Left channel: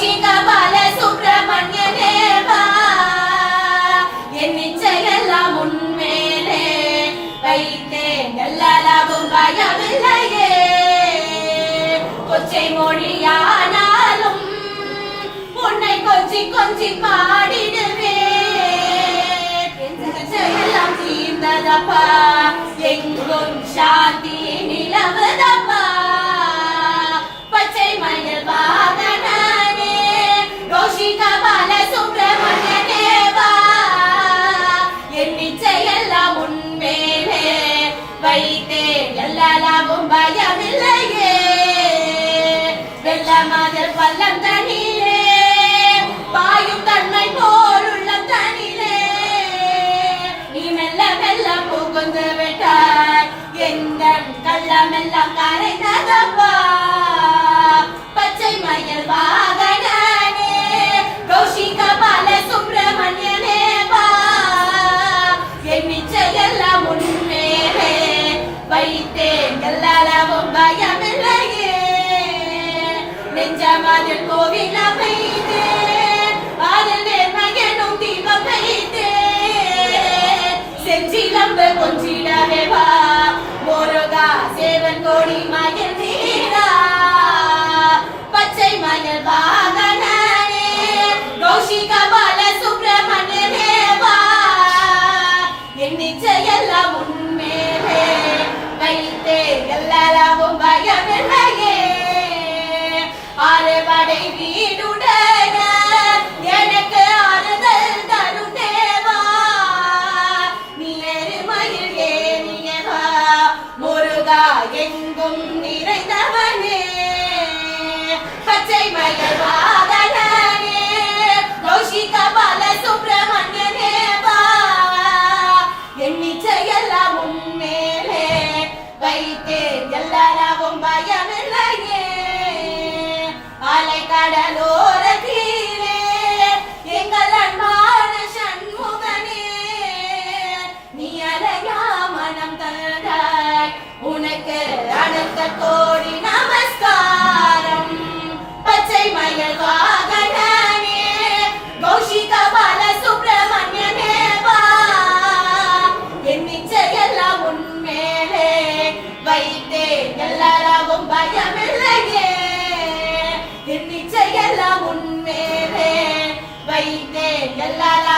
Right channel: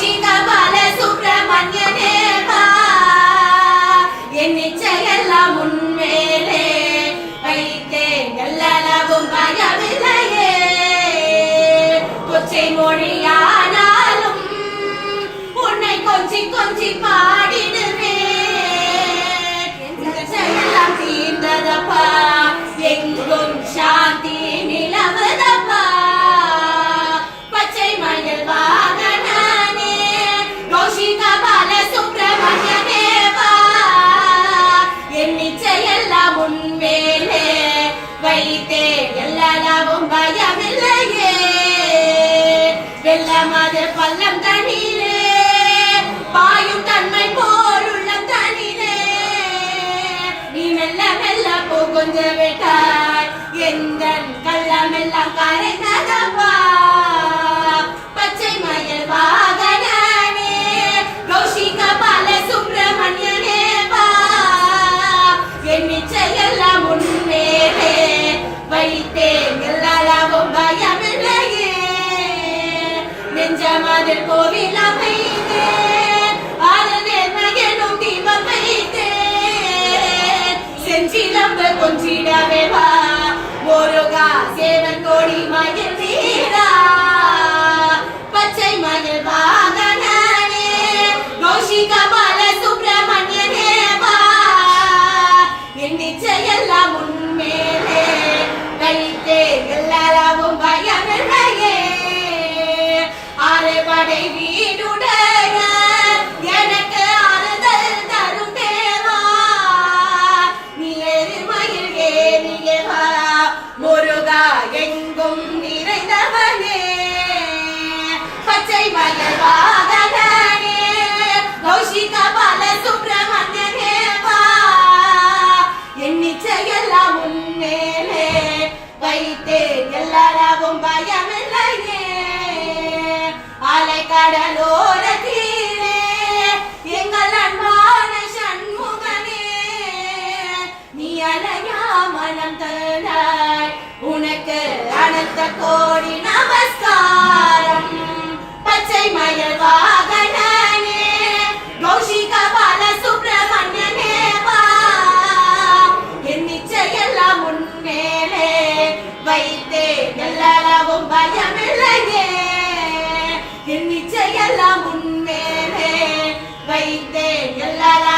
கௌஷிக பால சுப்பிரமணிய தேவா என் நிச்சயெல்லாம் உன்மேலே வைத்தேன் எல்லளவும் பயமில்லையே கொச்சை மொழியானாலும் உன்னை கொஞ்சி கொஞ்சி பாடிடுவேன் எல்லாம் தீர்ந்ததப்பா எங்கும் சாந்தி நிலவுதப்பா பச்சை மயில் வாகனனே கௌஷிக பால சுப்பிரமணிய தேவா என் நிச்சயெல்லாம் உன்மேலே வைத்தேன் எல்லளவும் பயமில்லையே வெள்ளமது பள்ளம் தனிலே பாயும் தன்மை போலுள்ளம் தனிலே நீ மெல்ல மெல்ல புகுந்து விட்டாய் எங்கள் கள்ளமெல்லாம் கரைந்ததப்பா பச்சை மயில் வாகனனே கௌஷிக பால சுப்பிரமணிய தேவா என் நிச்சயெல்லாம் உன்மேலே வைத்தேன் எல்லளவும் பயமில்லையே நெஞ்சமதில் கோவில் அமைத்தேன் அதில் நேர்மையெனும் தீபம் வைத்தேன் செஞ்சிலம்பு கொஞ்சிடவே வா முருகா சேவன் கோடி மயில் நீரா பச்சை மயில் வாகனனே கௌஷிக பால சுப்பிரமணிய தேவா என் நிச்சயெல்லாம் உன்மேலே வைத்தேன் எல்லளவும் பயமில்லையே ஆறுபடை வீடுடைய எனக்கு ஆறுதல் தரும் தேவா நீ எருமையில் ஏறியவா முருகா எங்கும் நிறைந்தவனே பச்சை மயில் வாகனனே கௌஷிக பால சுப்பிரமணிய தேவா என் நிச்சயெல்லாம் உன்மேலே வைத்தேன் எல்லளவும் பயமில்லையே அலை கடலோரத்திலே எங்கள் அன்பான சண்முகனே நீ அலையா மனம் தந்தாய் உனக்கு அனந்த கோடி நமஸ்காரம் பச்சை மயில் வாகனனே கௌஷிக பால சுப்பிரமணிய தேவா என் நிச்சயெல்லாம் உன்மேலே வைத்தேன் எல்லளவும் பயமில்லையே என் நிச்சயெல்லாம் உன்மேலே வைத்தேன் எல்லாரா